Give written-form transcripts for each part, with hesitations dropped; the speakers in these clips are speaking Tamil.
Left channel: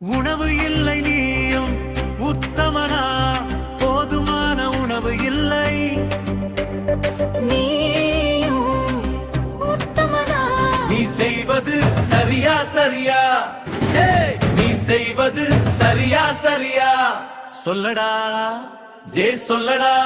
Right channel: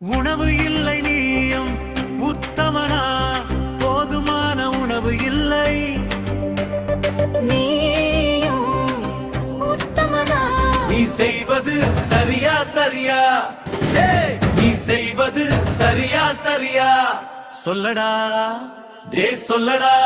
உணவு இல்லை நீயும் உத்தமனா, போதுமான உணவு இல்லை நீயும் உத்தமனா. நீ செய்வது சரியா சரியா, நீ செய்வது சரியா சரியா, சொல்லடா சொல்லடா.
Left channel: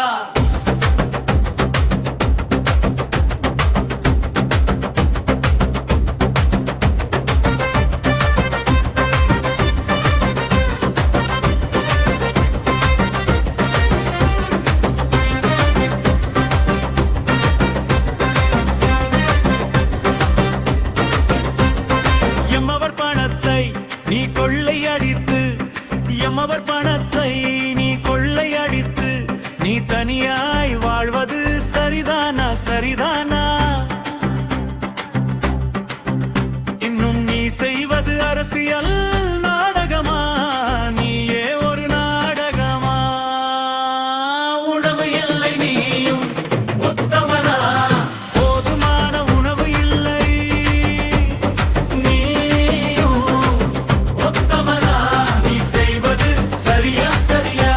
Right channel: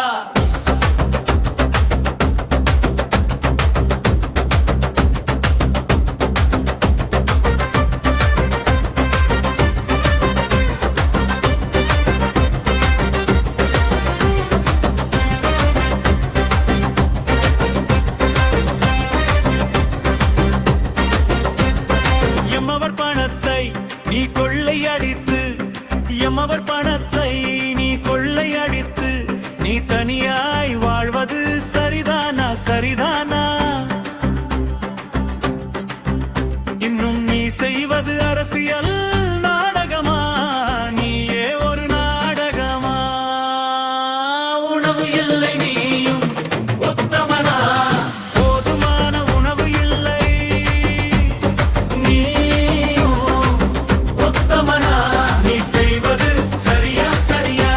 எம்மவர் பணத்தை நீ கொள்ளையடித்து, எம்மவர் பணத்தை நீ கொள்ளையடித்து, நீ தனியாய் வாழ்வது சரிதானா சரிதானா? இன்னும் நீ செய்வது அரசியல் நாடகமா, நீயே ஒரு நாடகமா? உணவு இல்லை நீயும் உத்தமனா, போதுமான உணவு இல்லை நீயும் உத்தமனா. நீ செய்வது சரியா சரியா,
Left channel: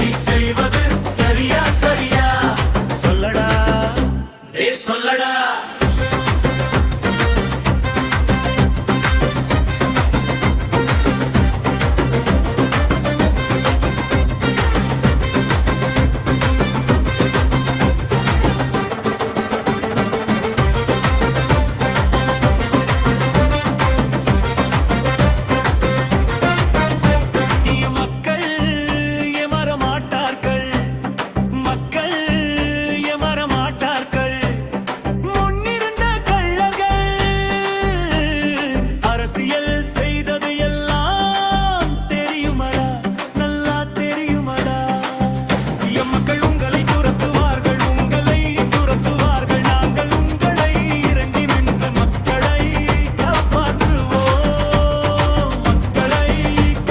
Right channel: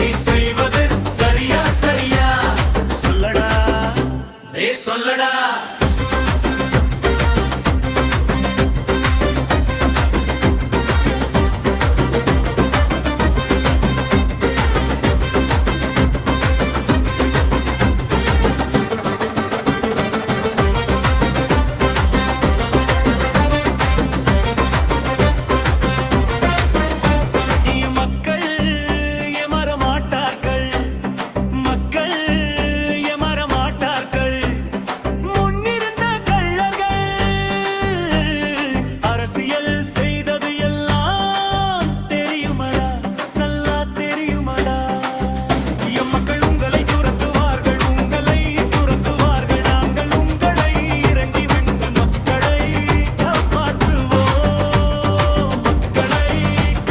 நீ செய்வது சரியா சரியா, சொல்லடா சொல்லடா. மக்கள் ஏமாற மாட்டார்கள், முன்னிருந்த கள்ளர்கள் அரசியல் செய்தது எல்லாம் தெரியுமடா, நல்லா தெரியுமடா. எம்மக்கள் உங்களை துரத்துவார்கள், உங்களை துரத்துவார்கள், நாங்கள் உங்களை இறங்கி நின்று மக்களை காப்பாற்றுவோம், மக்களை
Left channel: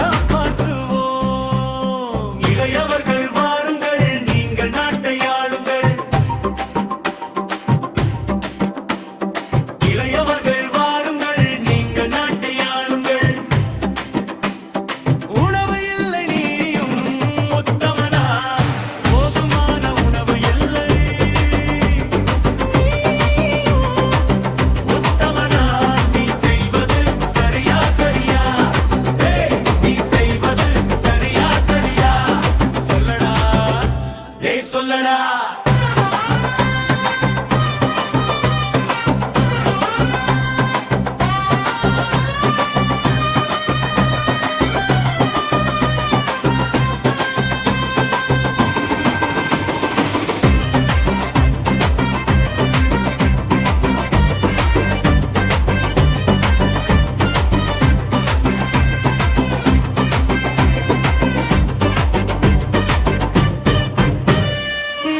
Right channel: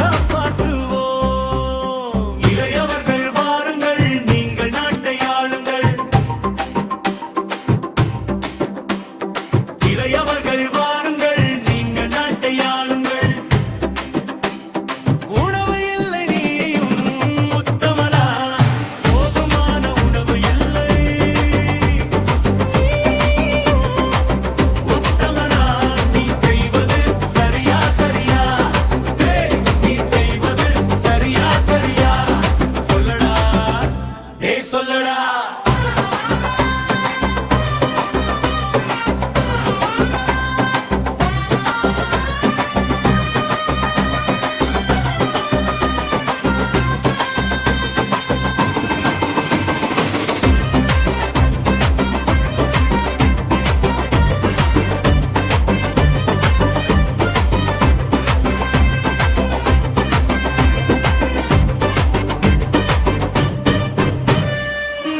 காப்பாற்றுவோம். இளையவர்கள் நாட்டை ஆளுங்கள், இளையவர்கள் வாருங்கள், நீங்கள் நாட்டை ஆளுங்கள். உணவு இல்லை நீயும் உத்தமனா, போதுமான உணவு இல்லை உத்தமனா. நீ செய்வது சரியா சரியா, நீ செய்வது சரியா சரியா, சொல்லடா சொல்லடா.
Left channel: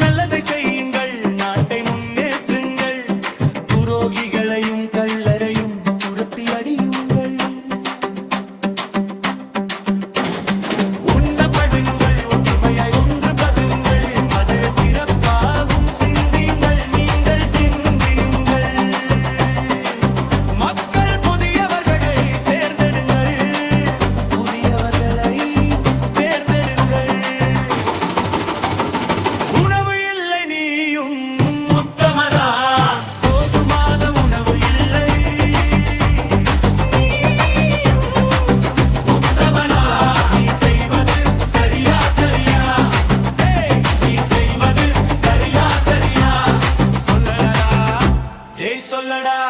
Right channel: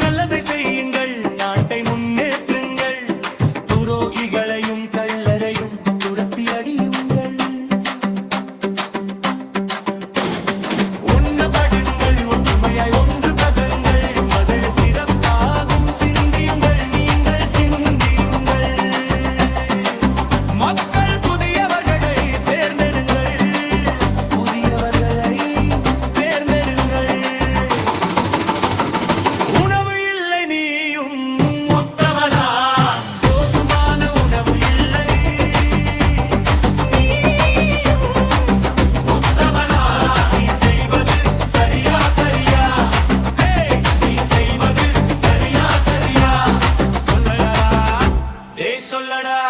நல்லதை செய்யுங்கள், நாட்டை முன்னேற்றுங்கள், துரோகிகளையும் கள்ளரையும் துரத்தி அடியுங்கள். உண்ணப்படுங்கள், ஒற்றுமையாய் ஒன்று பகுங்கள், மதழ சிறப்பாகும் சிந்தியுங்கள், நீங்கள் சிந்தியுங்கள். மக்கள் புதியவர்களை தேர்ந்தெடுங்கள், புதியவர்களை தேர்ந்தெடுங்கள். உணவு இல்லை நீயும் உத்தமனா, போதுமான உணவு இல்லை நீயும் உத்தமனா. நீ செய்வது சரியா சரியா, நீ செய்வது சரியா சரியா, சொல்லடா சொல்லடா.